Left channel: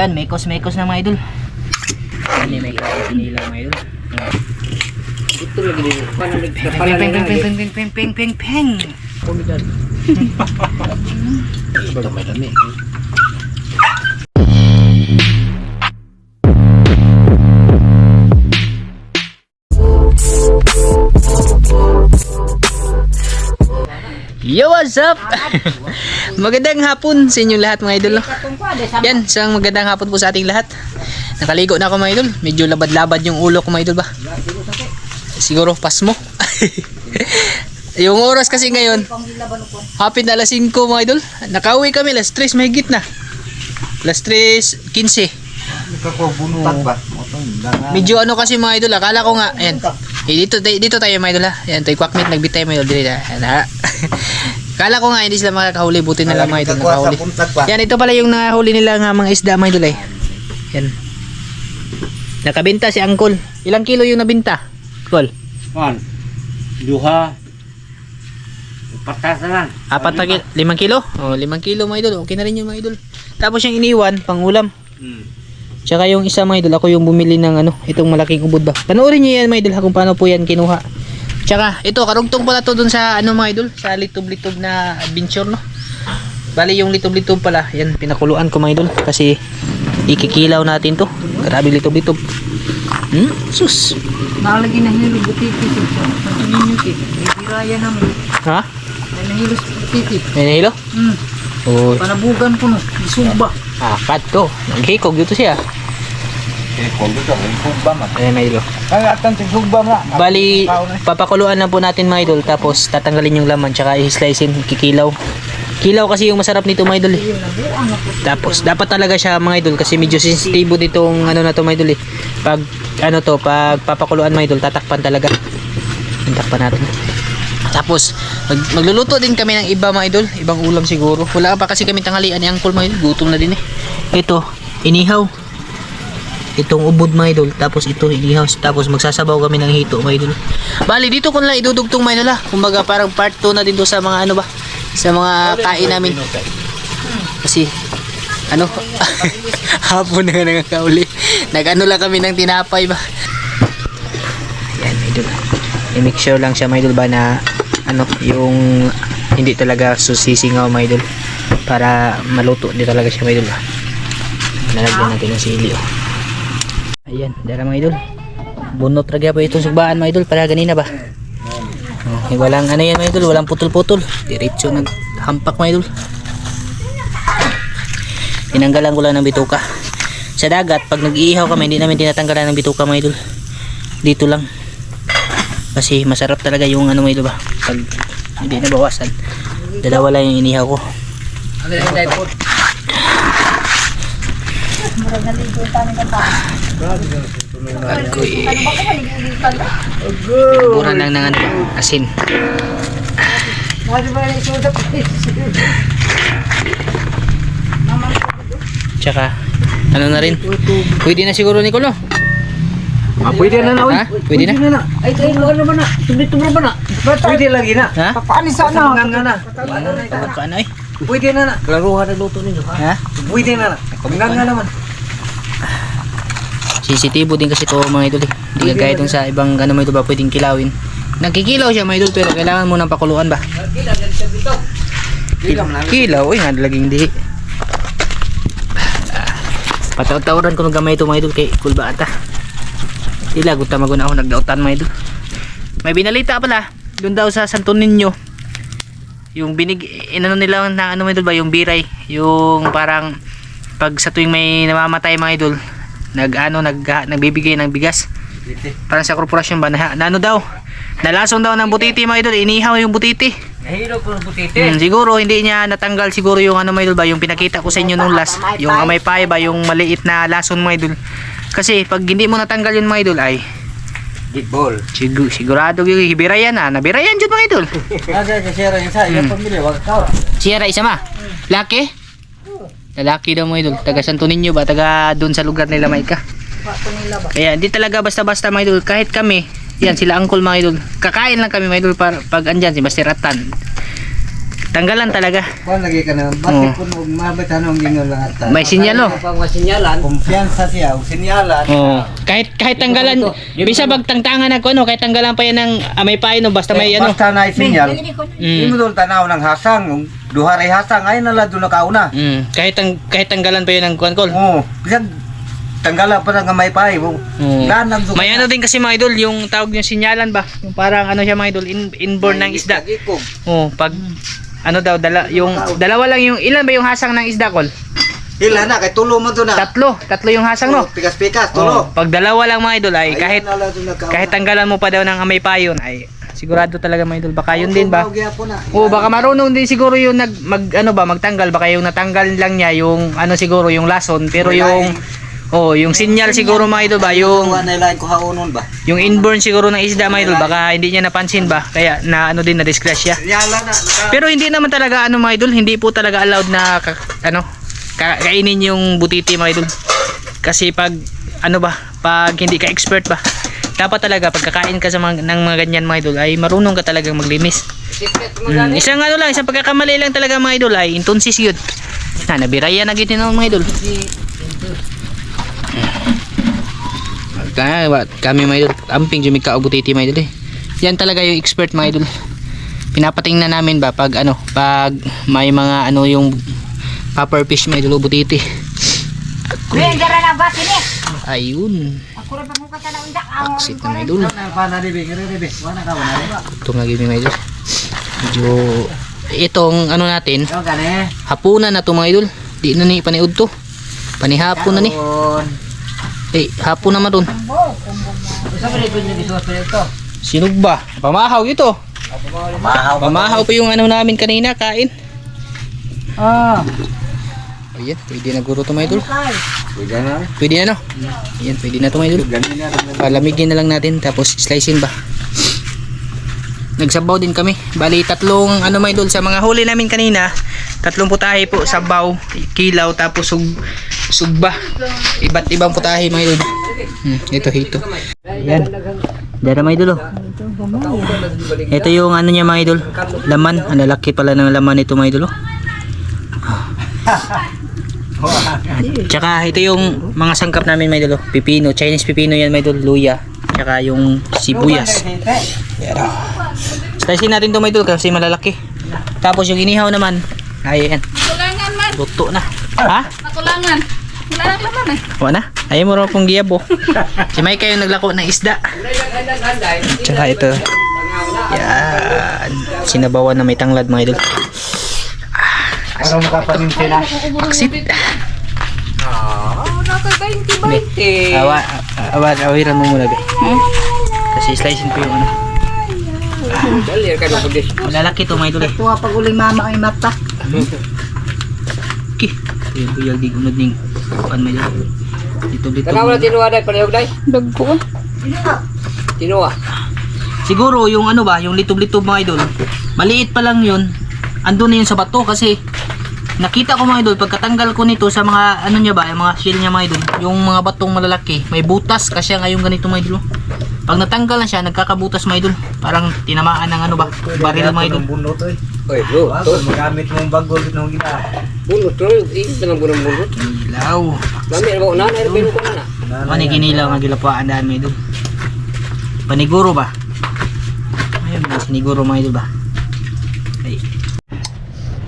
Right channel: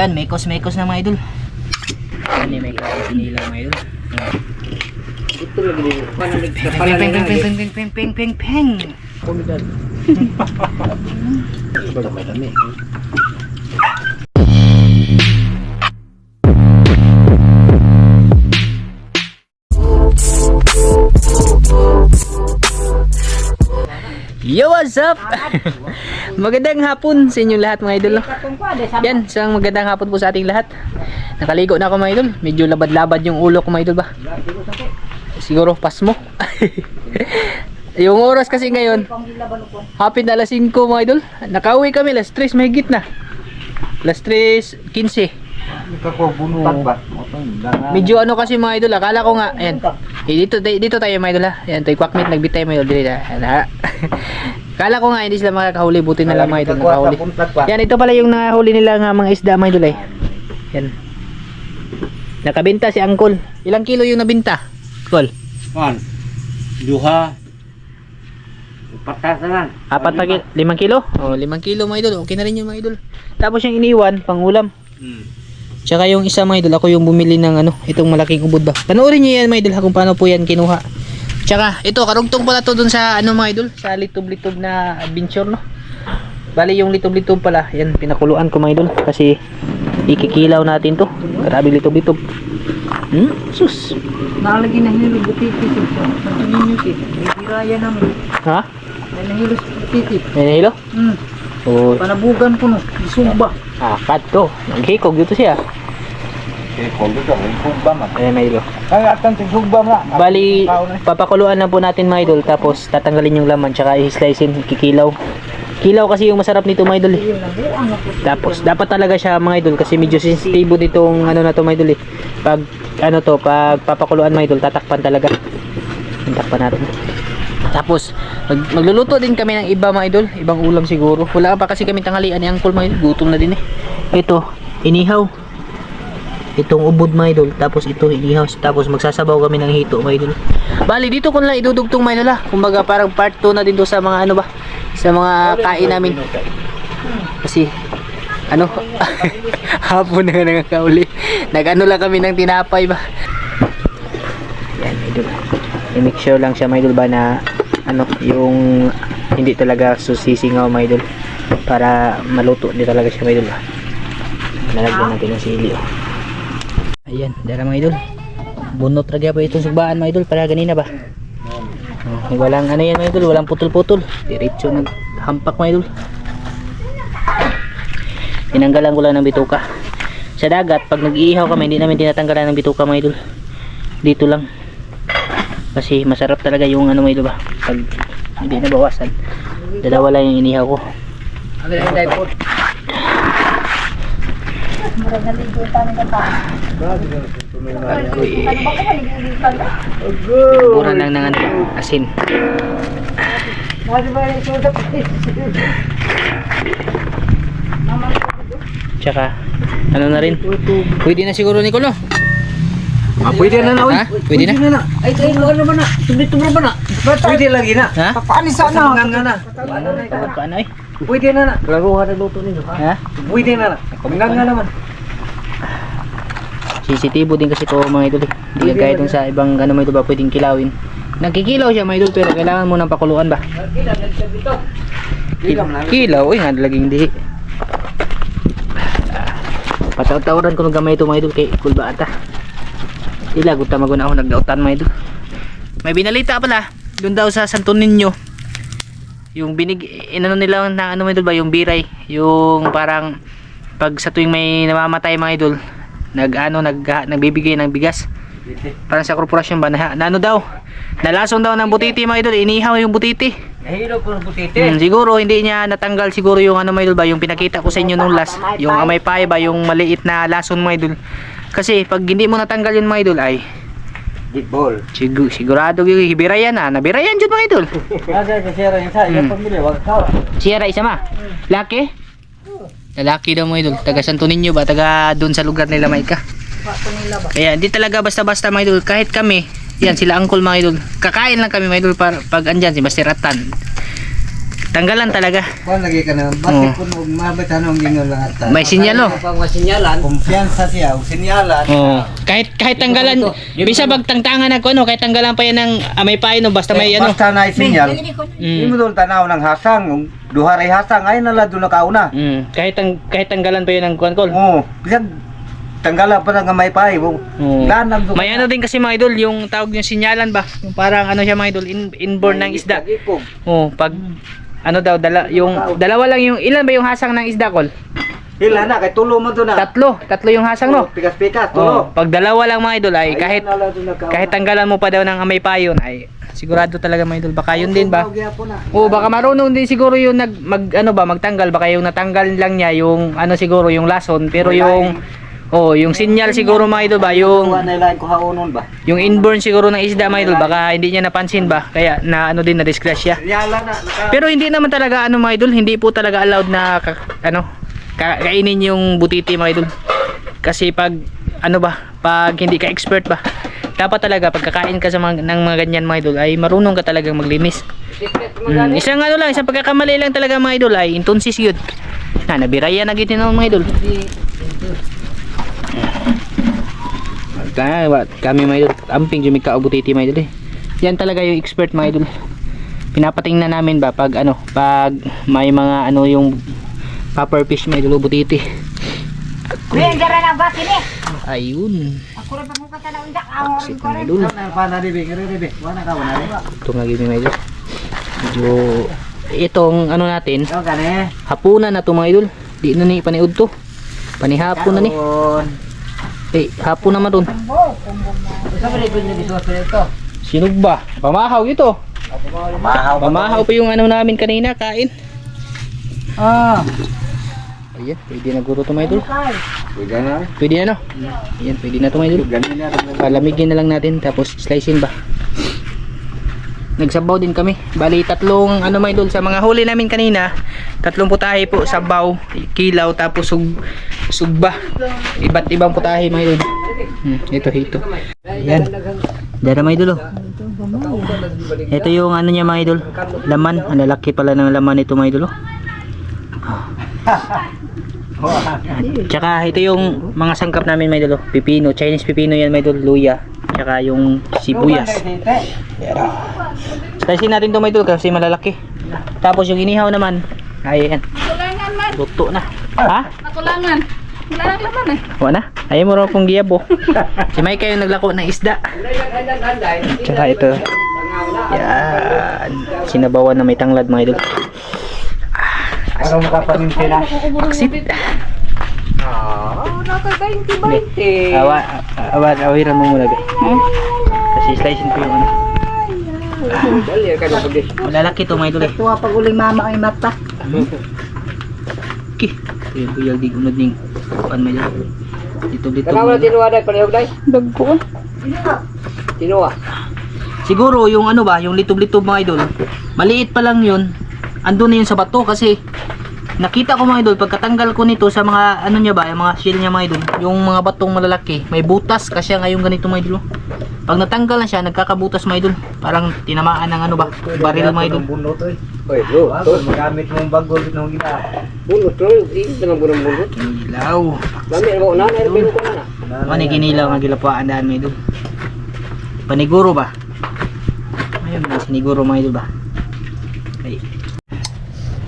Yan, mekos-mekos na mga idol. Yan, may kinilaw mga idol. Ito lagi dito. Panalig ka Peng, peng, peng, peng, peng, peng, peng, peng, peng. Pumigan. Ito may dami. Yo, what's up? Magandang hapon sa inyong lahat mga idol. Yan, isang magandang hapon po sa ating lahat. Nakaligo na ako mga idol. Medyo labad-labad yung ulo ko mga idol ba? Siguro pasmo. Yung oras kasi ngayon, hapit na alas 5 mga idol. Nakauwi kami alas 3 mahigit na. Alas 3:15. Medyo ano kasi mga idol, akala ko nga, ayan. Dito tayo mga idol ha. Ayan, tayo kwakmit, nagbitay mga idol. Dito ha. Akala ko nga hindi sila makakahuli, buti na lang mga idol nakahuli. Yan, ito pala yung nahuli nila nga mga isda mga idol eh. Yan. Nakabenta si Angkol. Ilang kilo yung nabenta? Kol? Man. Duha. Patas na lang. 5 kilo? Oh, 5 kilo mga idol. Okay na rin yung mga idol. Tapos yung iniwan, pang ulam. Tsaka yung isa mga idol, ako yung bumili ng ano, itong malaking ubod ba. Panoorin niyo yan mga idol ha, kung paano po yan kinuha. Tsaka ito, karugtong pala to dun sa ano mga idol, sa litob-litob na adventure no. Bali yung litob-litob pala, yan pinakuluan ko mga idol kasi ikikilaw natin to. Grabe litob-litob. Sus. Nakalagay na hilo butiti sa ninyo kit. Ibiraya namin. Ha? Ay nahilo sa butiti. May nahilo? Oh. Panabugan ko no. Isumba. Kat to. Naghikog dito siya. Hikog dito. Hikog ba man? Ayan mga idol. Ay atan sa sugba na. Bali, papakuluan lang po natin mga idol. Tapos tatanggalin yung laman. Tsaka i-slicein, kikilaw. Kilaw kasi yung masarap nito mga idol eh. Tapos dapat talaga siya mga idol kasi medyo sensitibo nitong ano na to mga idol eh. Pag ano to, pag papakuluan mga idol, tatakpan talaga. Tatakpan natin. Tapos magluluto din kami ng iba mga idol, ibang ulam siguro. Wala pa kasi kami tanghalian ni Angkol mga idol, gutom na din eh. Ito, inihaw. Itong ubod mga idol, tapos ito inihaw, tapos magsasabaw kami ng hito mga idol. Bali dito ko na lang idudugtong mga idol ha. Kumbaga parang part 2 na din to sa mga ano ba, sa mga kain namin. Kasi ano, hapon na nangakauli. Nag-ano lang kami ng tinapay ba. Yan idol. I-make sure lang siya mga idol ba na ano, yung hindi talaga susisingaw mga idol. Para maluto din talaga siya mga idol ba. Nalagyan natin ng sili oh. Ayan, dala mga idol. Bunot ragya pa itong sugbaan mga idol para ganina ba. Walang ano yan mga idol, walang putol-putol. Diretso naghampak mga idol. Tinanggalan ko lang ng bituka. Sa dagat, pag nag-iihaw kami, hindi namin tinatanggalan ng bituka mga idol. Dito lang. Kasi masarap talaga yung ano mga idol ba. Pag hindi nabawasan. Dalawa lang yung inihaw ko. Ano yung dipod? Agoy. Buran lang ng ano, asin. Tsaka ano na rin, pwede na siguro Nicolo. Pwede na na oy. Ha? Pwede na? Ay tayo lugar naman na. Tumit-tumit ba na? Pwede lagi na. Ha? Papanis sana. Na. Paano eh? Pwede na na. Klaruhan na luto ninyo ha. Ha? Pwede na na. Pagnan nga naman. Sensitibo din kasi to mga idol eh. Hindi kagaya itong sa ibang ano mga idol ba pwedeng kilawin. Nagkikilaw siya mga idol pero kailangan mo ng pakuluan ba? Kilaw eh nga laging di. Pataw-tawran ko ng gamay ito mga idol kay kulba ata. Ila guta maguna ako nagdautan mga idol. May binalita pala doon daw sa Santo Niño. Yung inano nila na ano mga idol ba yung biray, yung parang pag sa tuwing may namamatay mga idol, nagbibigay ng bigas. Parang sa korporasyon ba na ano daw? Nalason daw ng butiti mga idol, inihaw yung butiti. Nahilo ko ng butiti. Siguro hindi niya natanggal siguro yung ano mga idol ba, yung pinakita ko sa inyo nung last, yung amay pae ba, yung maliit na lason mga idol. Kasi pag hindi mo natanggal yun mga idol ay Gitball. sigurado yung hibirayan na, nabirayan dyan mga idol. Nasa sa siyara niya sa iyong pamilya, wag ka. Sierra isa ma? Laki? Lalaki daw mga idol, taga Santo Niño ba, taga doon sa lugar nila Maika. Kaya hindi talaga basta-basta mga idol, kahit kami, yan sila Angkol mga idol, kakain lang kami mga idol pag andyan si Master Atan. Tanggalan talaga. Kuan lagi ka na, bakit kung mabitan ang ginyo lahat. May sinyal, oh. Pag masinyalan, Kumpiyansa siya, o sinyalan. Oh. Kahit tanggalan, bisa pagtangtangan ako ano, kahit tanggalan pa yan ng amay payo no, basta may ano. Basta na sinyal. Mm. Hindi mo doon tanaw ng hasang, duharay hasang, ay nala doon nakauna. Kahit tanggalan pa yun ng kuan-kol. Oo, bisan tanggala pa ng may pay. Lanag doon. May ano din kasi mga idol, yung tawag yung sinyalan ba? Yung parang ano siya mga idol, inborn ng isda. Oh, pag ano daw yung dalawa lang yung ilan ba yung hasang ng isda, Kol? Hila na, kay tulo mo doon na. Tatlo yung hasang no. Pikas-pikas, Oh, tulo. pag dalawa lang mga idol ay Ay, kahit nala doon nakauna. kahit tanggalan mo pa daw ng amay payon ay sigurado talaga mga idol, baka yun din ba? Po na. Oo, baka marunong din siguro yung magtanggal, baka yung natanggal lang niya yung ano siguro yung lason, pero yung yung sinyal siguro mga idol ba, yung Nailain ko haunon ba? yung inborn siguro ng isda mga idol, baka hindi niya napansin ba, kaya na ano din na disgrasya. Sinyalan na. Pero hindi naman talaga ano mga idol, hindi po talaga allowed na kainin yung butiti mga idol. Kasi pag ano ba, pag hindi ka expert ba, dapat talaga pag kakain ka sa ng mga ganyan mga idol ay marunong ka talagang maglinis. Isang ano lang, isang pagkakamali lang talaga mga idol ay intonsis yun. Nabiraya na gito ng mga idol. Kami mga idol, amping jumi ka butiti mga idol eh. Yan talaga yung expert mga idol. Pinapatingnan namin ba pag pag may mga yung popper fish mga idol, butiti. Ayun. Aksit na mga idol. Ito nga gini mga idol. Medyo itong ano natin, hapunan na to mga idol. Di na ni paniud to. Panihapon na ni. Hapon naman dun. Sinog ba? Pamahaw ito. Pamahaw pa yung ano namin kanina, kain. Ayan, pwede na guro to mga idol. Pwede na no? Ayan, pwede na to mga idol. Palamigin na lang natin, tapos slicein ba? Nagsabaw din kami. Bali, tatlong mga idol sa mga huli namin kanina. Tatlong putahe po, sabaw, kilaw, tapos sugba. Iba't ibang putahe mga idol. Ito. Ayan. Dara mga idol. Ito yung ano niya mga idol. Laman. Ang lalaki pala ng laman ito mga idol. Tsaka ito yung mga sangkap namin mga idol. Pipino, Chinese pipino yan mga idol. Luya. Tsaka yung sibuyas. Slicein natin ito mga idol kasi malalaki. Tapos yung inihaw naman. Ayan. Kulangan man. Luto na. Ha? Nakulangan. Wala nang laman eh. Wala na. Ayaw mo rin pong giyabo. Si Mike yung naglako ng isda. Tsaka ito. Yan. Sinabawan na may tanglad mga idol. Parang makapaninti na. Aksit. Naka 20-20. Awiran mo muna guys. Kasi slicein ko yung ano. Malalaki to mga idol eh. tuwa pag uling mama ay mata. Okay. Yung buyag di unod ning kuan may idol. Dito. Tanaw na tinuwa dahil palihog dahil. Dagko. Tinuwa. Siguro yung ano ba, yung litob-litob mga idol. Maliit pa lang yun. Andun na yun sa bato kasi nakita ko mga idol pagkatanggal ko nito sa mga ano niya ba, yung mga shell niya mga idol. Yung mga batong malalaki, may butas kasi ngayong ganito mga idol. Pag natanggal na siya, nagkakabutas mga idol. Parang tinamaan ng ano ba, baril mga idol. Bunot oy. Oy, bro. Magamit mong bagol nung gina. Bunot, bro. Ingit na lang bunot. Ilaw. Mami, ano ba? Nanay, ano ba na? Ano ginilaw nga gilapaan daan mga idol. Paniguro ba? Ayun, may siniguro mga idol ba? Ay.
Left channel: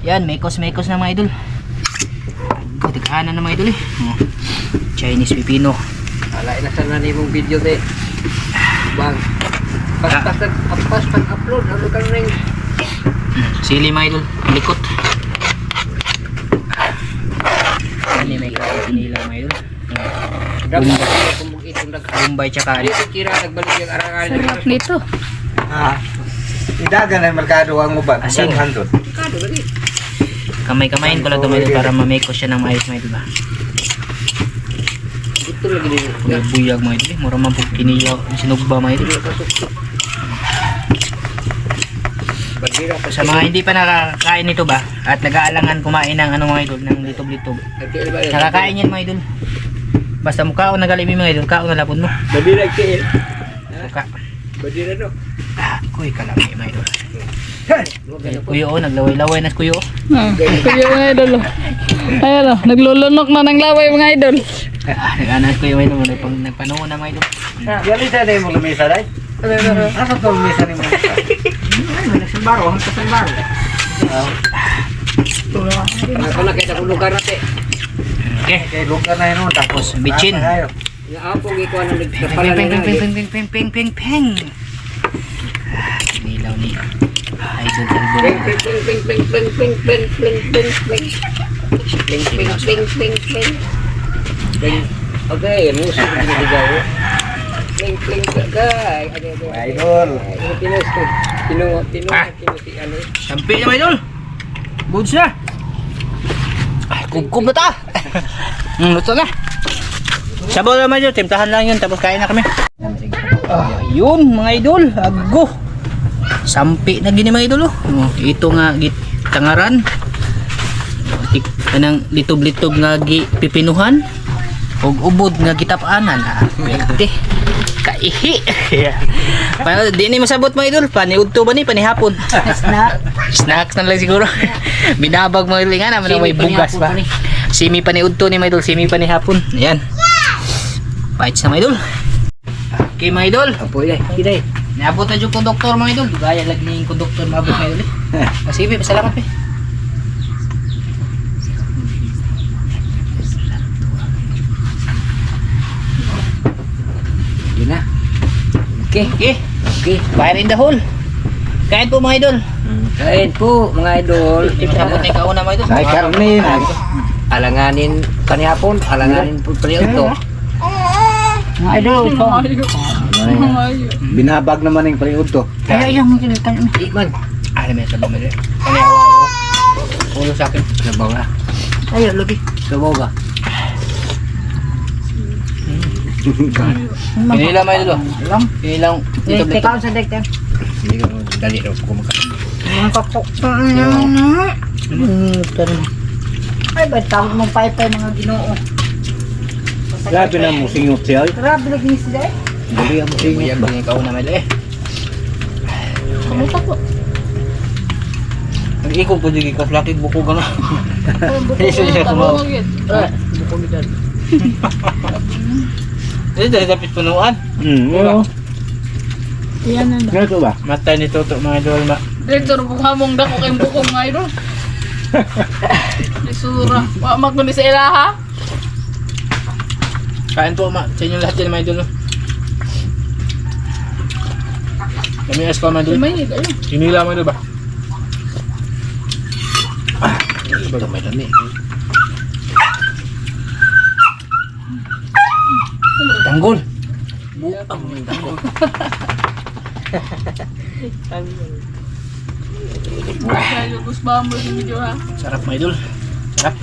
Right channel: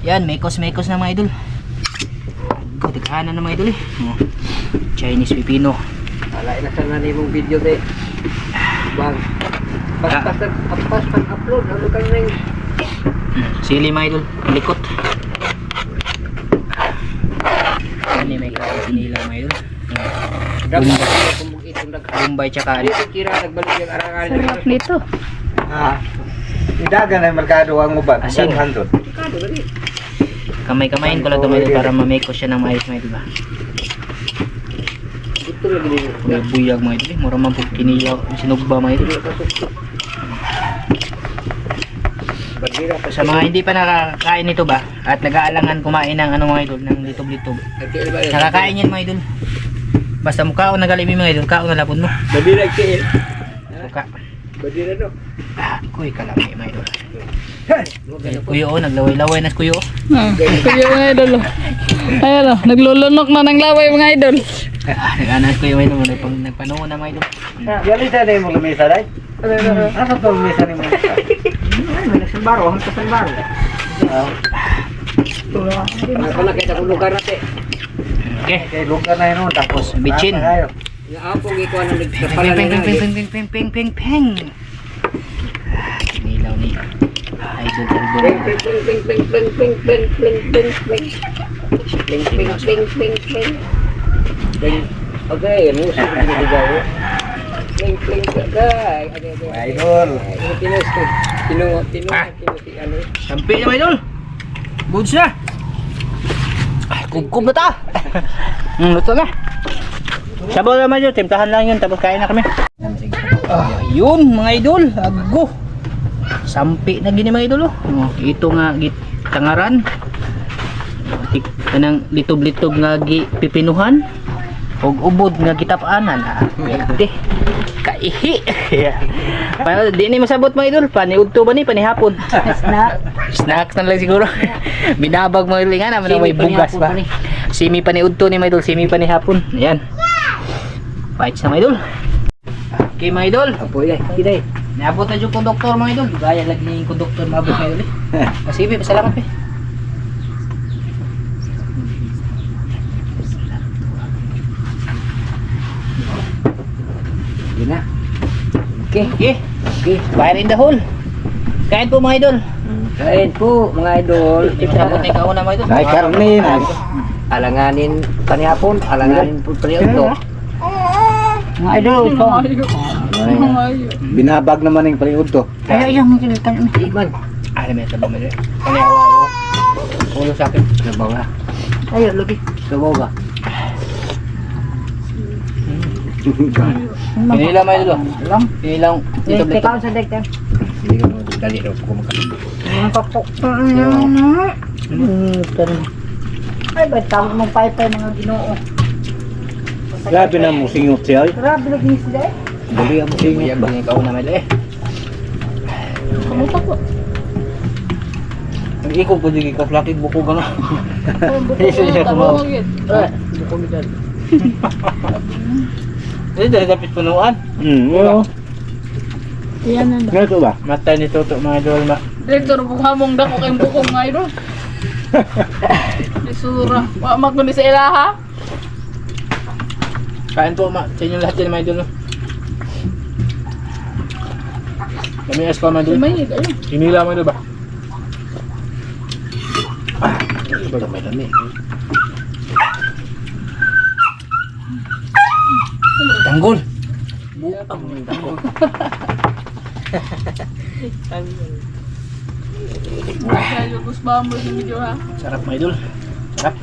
Yan, mekos na mga idol. Katikaanan na mga idol eh. Chinese pipino. Alain na sana na yung video de. Bang. Pas upload. Ano ka rin? Sili mga idol, likot. Ini may kinilaw mga idol. Bombay tsaka Kira nagbalik yung arang-arang. Dito. Idagan ay merkado ang uban. Asin. Handon. Kado ba di? kamay-kamayin ko lang ito mga idol para mamake ko siya ng maayos mga idol ba. Ito lagi din. Buyag mga idol, mura man po kinilaw, sinugba mga idol. Bandira pa Sa mga hindi pa nakakain nito ba at nag-aalangan kumain ng ano mga idol, ng litob-litob, nakakain yan mga idol. Basta mukha o nagalimi mga idol, kao na lapod mo. Bandira keel. Mukha. Bandira no. Kuy kalami mga idol. Kuyo, naglaway-laway na si Kuyo. Kuya mga idol. Ayan o, naglulunok na ng laway mga idol. Nag-anas Kuyo mga idol, nagpanungo na mga idol. Gali sa na yung lamesa day. Asa to lamesa ni mo? Nagsalbaro, ang kasalbaro. Ako na kita kung lugar natin. Okay. Kay lugar na yun tapos Bitchin. Naapong ikaw na Peng, peng, peng, peng, peng, peng, peng, peng, peng. Nilaw ni Idol Albon. Ping ping ping ping ping ping ping ping ping ping ping ping ping ping ping ping. Okay, musik diligaw. Ping ping okay. Idol. Tino si ano. Sampi na mga idol. Buds na. Ay, kubkub na ta. Luto na. Sabaw na mga idol, timtahan lang yun tapos kain na kami. Yun mga idol, ago. Sampi na gini mga idol. Ito nga tangaran. Kanang litob-litob nga pipinuhan. Og ubod nga gitapanan. Pwede. Kaihi. Paano di ni masabot mga idol? Paniudto ba ni panihapon? Snacks na lang siguro. Binabag mo idol nga naman may bugas pa. Simi paniudto ni mga idol, simi panihapon. Ayan. Bites na mga idol. Okay mga idol. Apo yan. Kiday. Naabot na yung konduktor mga idol. Gaya lagi ni yung konduktor maabot mga idol. Kasi salamat pe. Yun na. Okay, okay. Okay, fire in the hole. Kain po mga idol. Kain po mga idol. Abot na ikaw na mga idol. Ay karne na. Alanganin panihapon, alanganin po paniudto. Mga idol, ito. Binabag naman yung paliud to. Ay, ayaw mo kinitan. Iman. Alam mo sabaw mo rin. Panihawa ko. Ulo sa akin. Sabaw na. Ayaw, lubi. Sabaw ba? Pinila mga idol. Alam? Pinilang. Teka sa dekten. Hindi ko dali daw ko kumakain. Ay, ba't tawag mong paypay mga ginoo? Grabe na mo singot siya. Grabe lagi ni sila eh. Dali ang singot Buyag ba? din ikaw na may eh. Kamusta po? Nag-ikog po din ka flakig buko ka na. Isa siya sumaw. Buko gidan. Ini dari tapis punuan. Oo. Yan na. Ngayon ba? Mata ni Toto mga idol ma. Direktor, bukhamong dako kayong bukong nga idol. Isura. Wamak ko ni sa ilaha. Kain po ma. Sa inyo lahat yan mga idol. No? Kami as pa mga idol. May kayo. Hinila mga idol ba? Ito may dami. Tanggol. Kaya gusto ba mo yung video ha? Sarap mga idol. Sarap.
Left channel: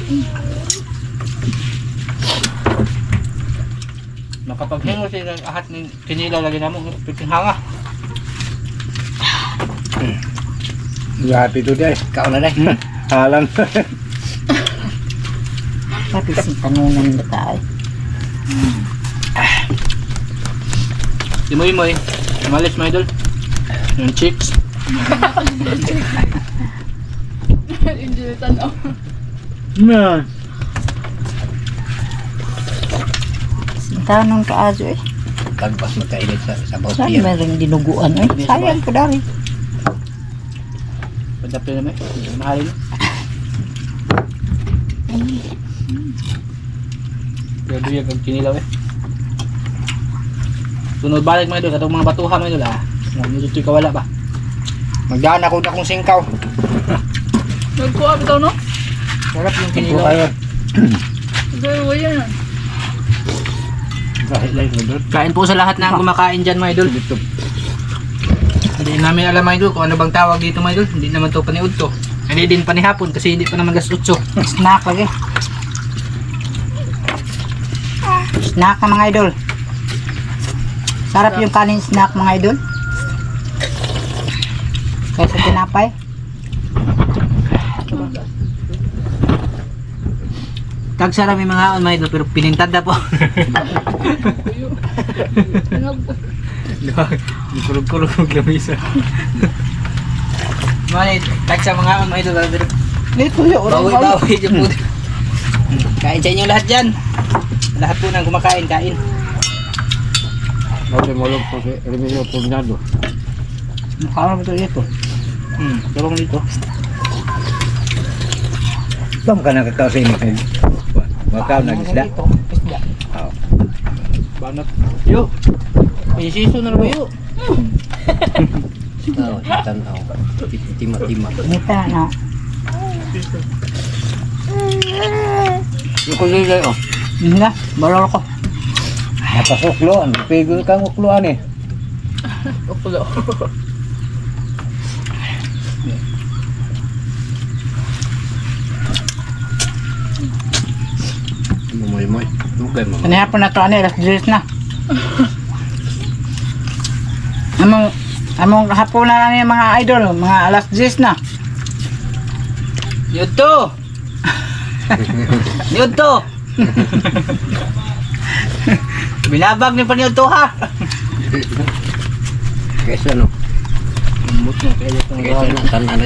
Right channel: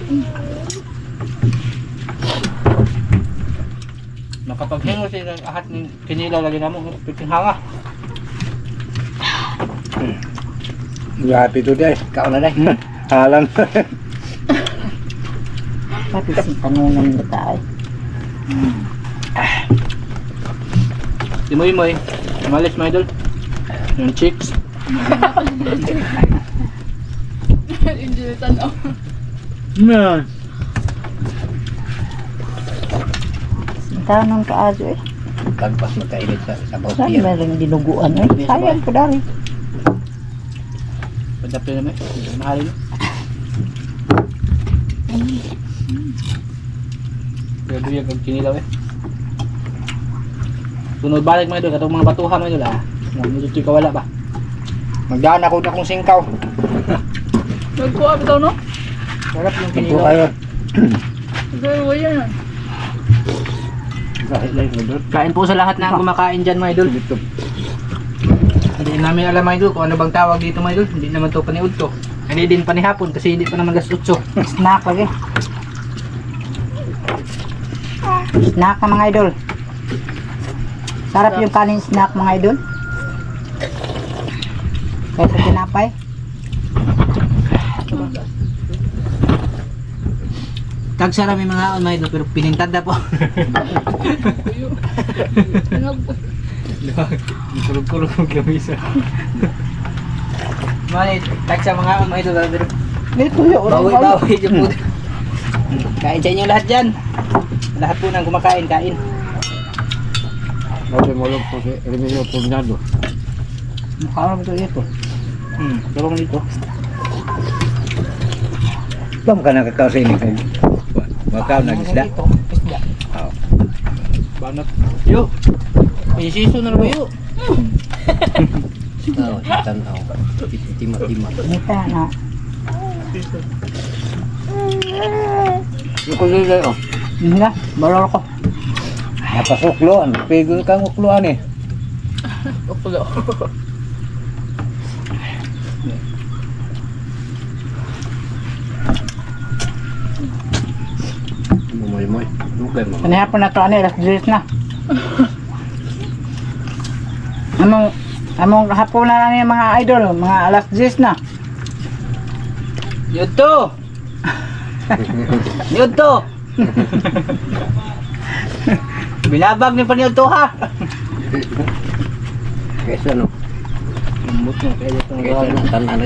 Makapaghingo siya ng ahat ni kinilaw lagi na mo. Piting hanga. Grabe to day. Ikaw na dai. Halang. Pati si tanunan na tayo. Imoy-imoy. Malis mga idol. Yung chicks. Enjoy tanaw. Man. Tanong ka aso eh. Tagpas magkainit sa sabaw Saan pier. meron dinuguan eh? Sayang ko dari. Padapin naman. Mahalin. Pero yung kinilaw eh. Sunod balik mga idol. Katong mga batuha mga idol ah. Medyo kawala ba? Magdaan ako na kung singkaw. Nagkuha bitaw no? Sarap yung Ito kinilaw. kayo. Gaya yan. Kahit lang mo doon. Kain po sa lahat na kumakain dyan mga idol. Hindi namin alam mga idol kung ano bang tawag dito mga idol. Hindi naman to paniud to. Hindi din panihapon kasi hindi pa naman gas 8. Snack lagi. Snack na mga idol. Sarap yung kanin snack mga idol. Kaysa tinapay. Tagsara may mga on mga idol pero pinintad na po. Kurog-kurog lamisa. Manit, like sa mga idol. Ito yun. Bawi-bawi dyan po. Kain sa inyo lahat dyan. Lahat po nang kumakain, kain. Bakit malog po si Remilio Pugnado? Mukha mo ito ito. Dalawang dito. Saan ka nakakasini kayo? Makaw na isda? Dito, isda. Banat. Yo. May season na ba yo? Oo, tanaw. Tima-tima. Nita na. Yung kulilay oh. Yun na, balor ko. Napasukloan. Pigil kang ukloan eh. Okulo. Mumoy-moy. Dugay mo. Kanihapon na to, alas 10 na. Among hapon na lang yung mga idol, mga alas 10 na. Yuto. Yuto. Binabag ni pa ni Yuto ha. Kaysa no. Lambot mo, kaya itong Kaysa no. Tanan na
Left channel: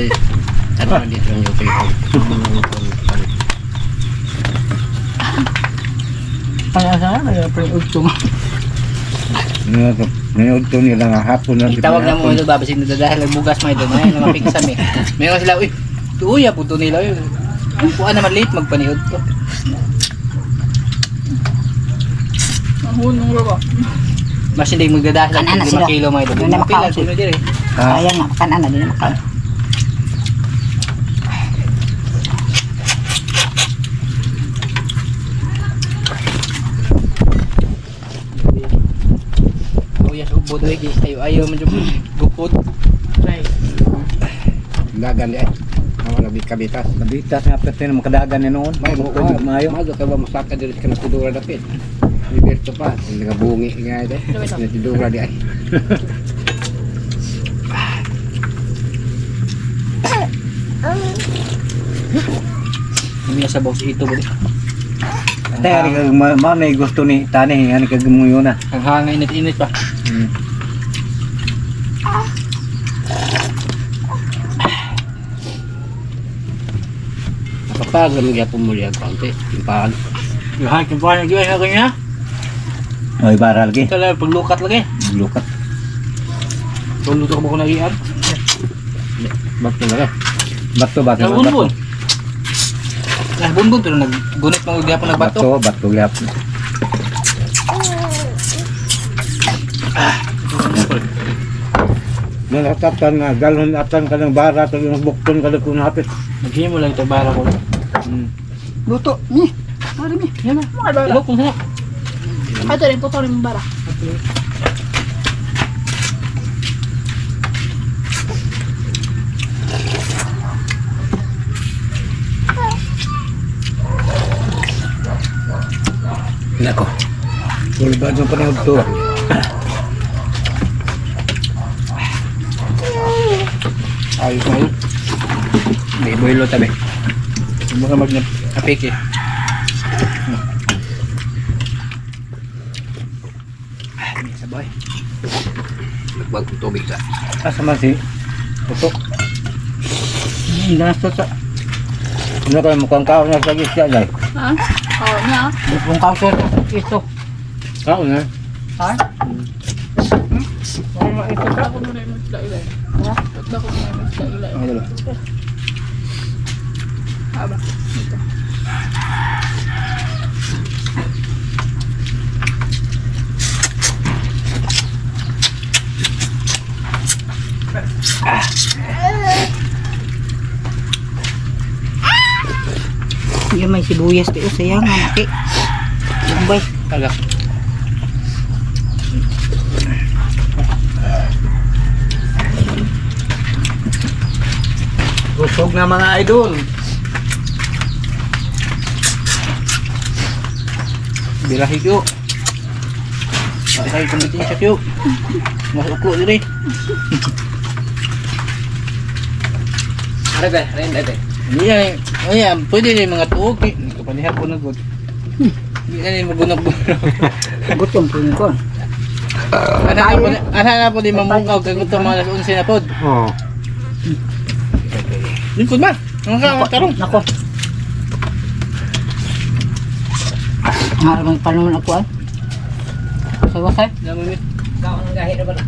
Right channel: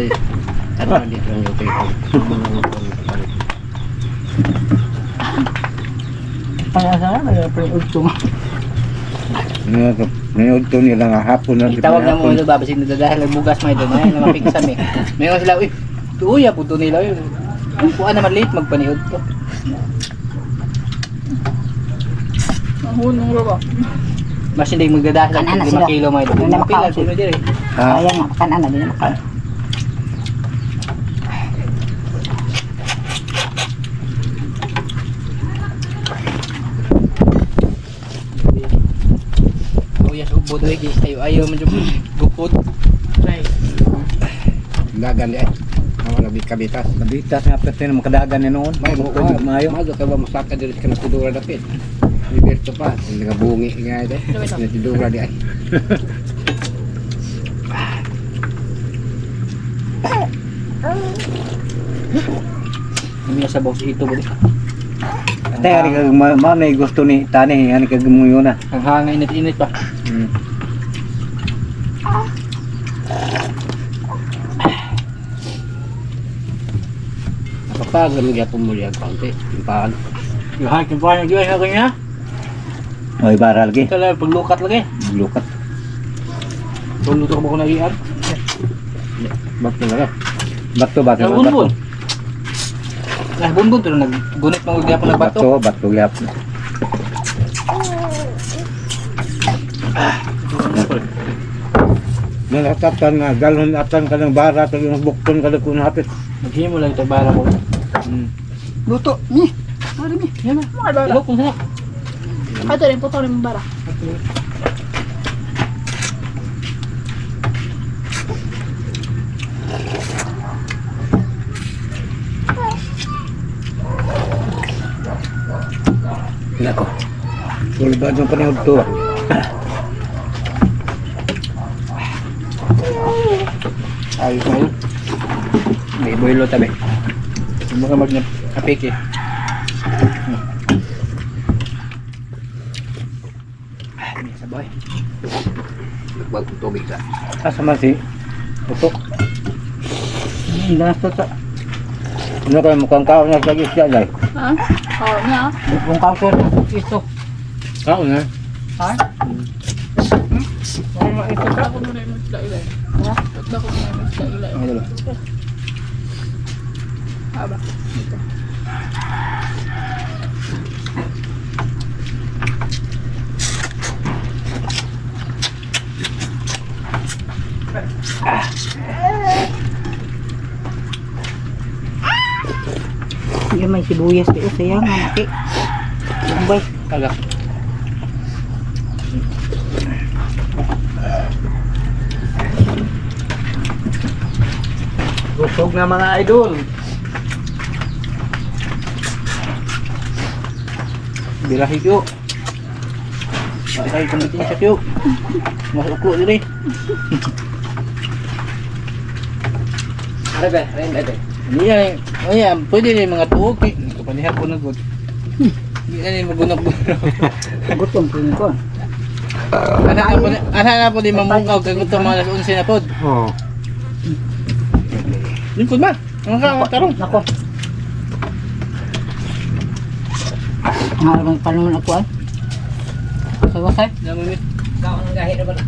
Tanan dito ang yung ito. Ano sa kaya pa yung utong. Nanood to nila nga hapon na. Itawag na mo ito, babasig na dahil bugas mo ito. May namapig sa mi. Mayroon sila, uy, tuya po ito nila. Ang puan naman late, magpaniod to. Ang hunong ba? Mas hindi magdadahil Kanan na ng 5 sila. kilo may ito. Kanan na Mapila, makausap. sino din eh. Kaya nga, kanan na din naman. Uyas ubod, ayaw man dyan gupod. Dagan di ay. Awa na kabitas. Nabitas nga pati na makadagan ni noon. May Mayo. buwan. Mayo. Mayo ka ba masaka diri ka na tudura dapit. Liberto pa. Hindi nga bungi nga ito. Na tudura di ay. Hindi sa boss ito ba di? Kaya ni kag may gusto ni tani ani kag muyo na. Ang hangin init-init pa. Kapag lamig ya pumuli ang kaunti. Timpahan. Yung hangin pa na gawin ako niya. Oy baral gi. Ito lang, paglukat lagi. Lukat. Pagluto ko ba ko nagiyan? Bakit na Bato bato. Yung bunbun. Nah, bunbun pero naggunit mga gapon nagbato. Bato bato gyap. Nalakatan nga galon atan ka ng bara to yung bukton ka kun hapit. Maghimo lang ito bara ko. Luto, ni. Ano ni? Yan na. Mga bara. Ilok kung sana. Ito rin, putol yung bara. Nako. Sulbad ng panahon to. Ayos na yun. May boilo tabi. Mga mag-apik eh. May sabay. Nagbag ng tubig sa. Asa man si Putok. Hindi na sa Ano kayo mukhang kao na sa isya dai. Ha? Oo nga. Kung kauser ito. Kao na. Ha? Ito ko muna yung isla-ilay. Ha? Ito ko muna yung isla-ilay. Ang dalo. Haba. Yung may sibuyas dito sayang mati. Boy, Kala. Busog na mga idol. Birahi kyo. Ay, kumbitin siya kyo. Mas uklo diri. Ada ba? Ada. Ayan, pwede rin mga tuog. Kapanihan po nagod. Hindi na rin magunag-gunag. gutom po ko. Ana na po din mamukaw kag ito mga alas 11 na pod. Oh. Lingkod ba? Ang karong. Nako. Ang panunod ako ay. Wasay-wasay. Ikaw ang gahi na ba na?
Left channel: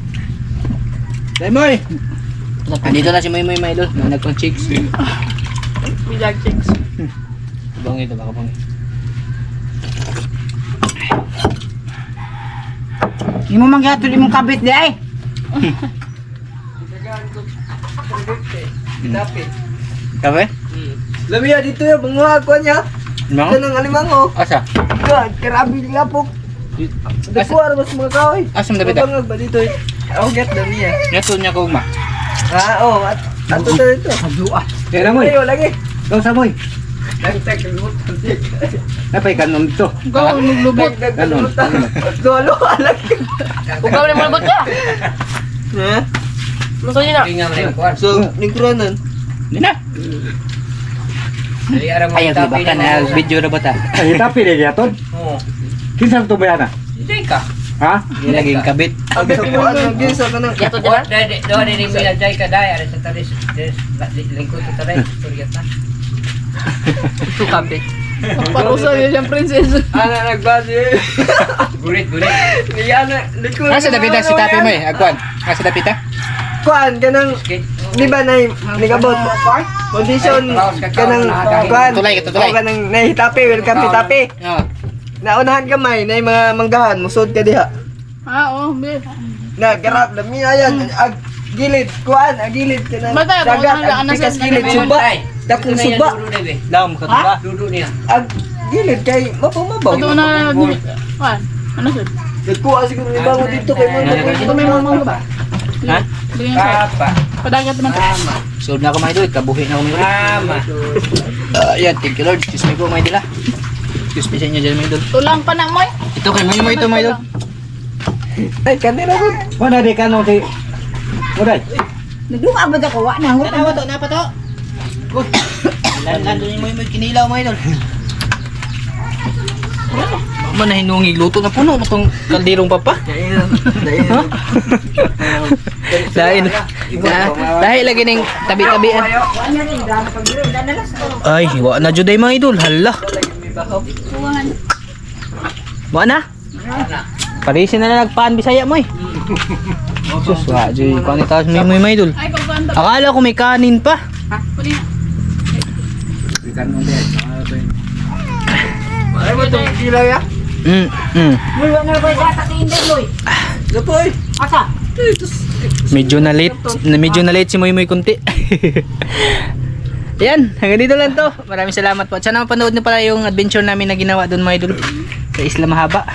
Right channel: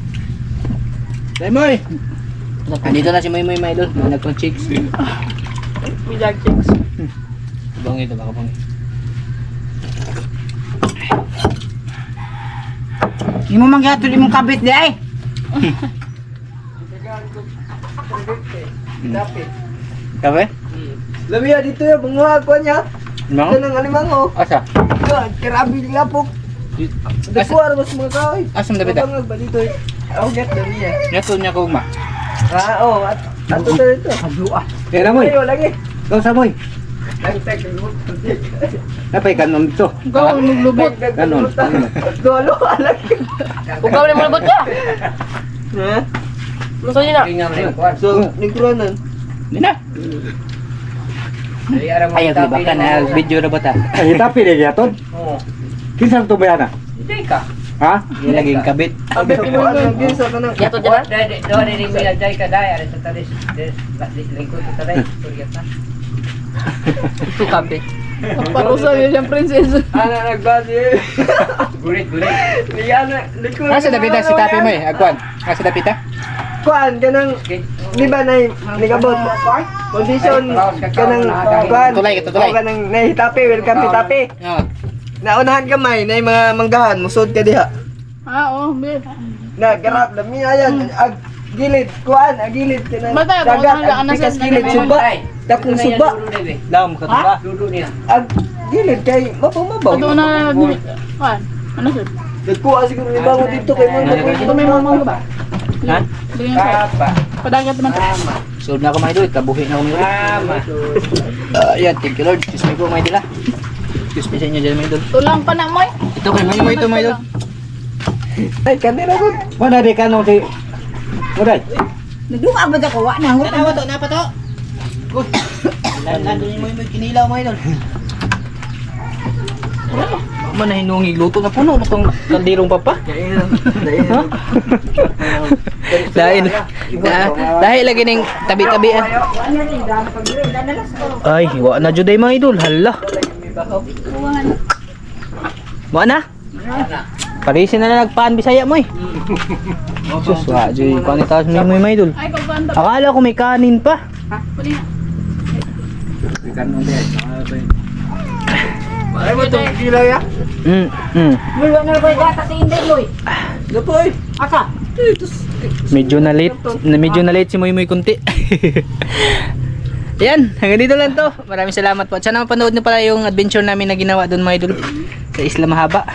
Daymoy! Andito na si Moy mga idol. Nagpang chicks. Bijag chicks. Bangi ito, baka bangi. Di mo mangyato di mong kabit di ay. Kape? Lamiya dito ya, bunga ako niya. Mga? Ito ng alimango. Asa? Yan, karabi ng lapok. Dakuar mas mga kahoy. Asam dapat ah? Bangag ba dito eh? Ako get lamiya. Yato niya ko ma. Oo, ato na dito. Kadua. Kaya Moy. Ayo lagi. Kau sa Moy. Nagtag ng lubot. Napay kanon dito. Ikaw ang naglubot. Ganon. Dolo, lagi. Ikaw na malubot ka. Ha? Gusto niyo na. So, nagkuranan. Hindi na. Ayaw di ba ka na video na ba ta? Ay, tapi dia yaton. Oo. Kinsa to bayana? Hindi ka. Ha? Ilaging kabit. Ang kapuan ng gisa ka na. Yato dyan lang. Doon din mo yan dyan ka dahil. Sa talis, lingkod sa talis. Suryat na. Ito kape. Parusa niya siyang princess. Ana nagbasi. Gulit. Yan na, likod. Asa dapita si Tapi Moy? Agwan. Asa dapita? Kuan kanang di ba nay nigabot condition kanang kuan Tulay. kanang nahitapi welcome to tapi Oo. naunahan kamay nay mga manggahan musod ka diha Oo, be. na garap lami ayan ag gilid kuan ag gilid kanang Matay, ako dagat na ag nasa pikas gilid suba dakong suba Lam ka ba? ag gilid kay mapumabaw Ito na. Kuan. Ano sir? nagkuha siguro ni bango dito kay mo Ito may mamang ba? Ha? Bigyan sir. Padagat naman tayo. Sold na ako mga idol. Kabuhi na ako mga idol. Yan, thank you Lord. Excuse me po mga idol ha. Excuse me sa inyo dyan mga idol. Tulang pa na mo eh. Ito kay Moy ito mga idol. ay kanira ko Mana di kanong si Uday. Nagduwa ba ako wa na ngot. Napa to? Good. Nandun yung Moy kinilaw mga idol. Man na hinungig luto na puno na tong kaldirong papa. Dahil lagi ng tabi-tabian. Ay, wa na jud ay mga idol. Hala. Wa na? Parisin na nagpaan Bisaya mo eh. Sus, wa jud ko ni taas may mga idol. Ay, pagkanta. Akala ko may kanin pa. Pwede na. ay mo tong kilay ya Muy wa na ba gata sa inday loy. lapoy Asa? Medyo na late si Moy kunti. Yan, hanggang dito lang to. Maraming salamat po. At sana mapanood niyo pala yung adventure namin na ginawa doon mga idol sa Isla Mahaba.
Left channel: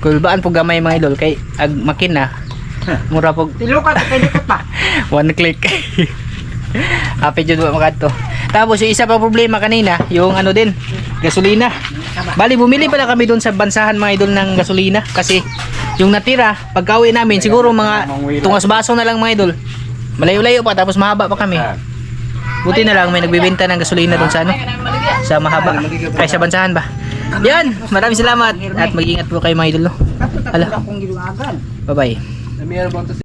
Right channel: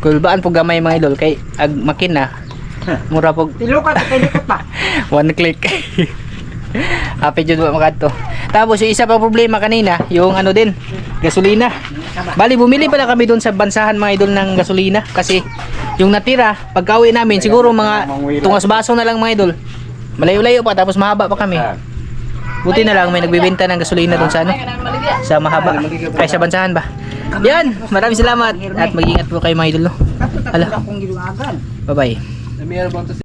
Kulbaan po gamay mga idol kay ag makina. Mura po Tilukat kay dikot pa. one click. Happy jud ba makadto. Tapos yung isa pa problema kanina, yung ano din, gasolina. Bali bumili pala kami doon sa bansahan mga idol ng gasolina kasi yung natira pagka-uwi namin siguro mga tungas baso na lang mga idol. Malayo-layo pa tapos mahaba pa kami. Buti na lang may nagbebenta ng gasolina doon sa ano, sa mahaba ay sa bansahan ba. Yan, maraming salamat at mag-ingat po kayo mga idol. No? Hala, Akong giluagan. bye-bye.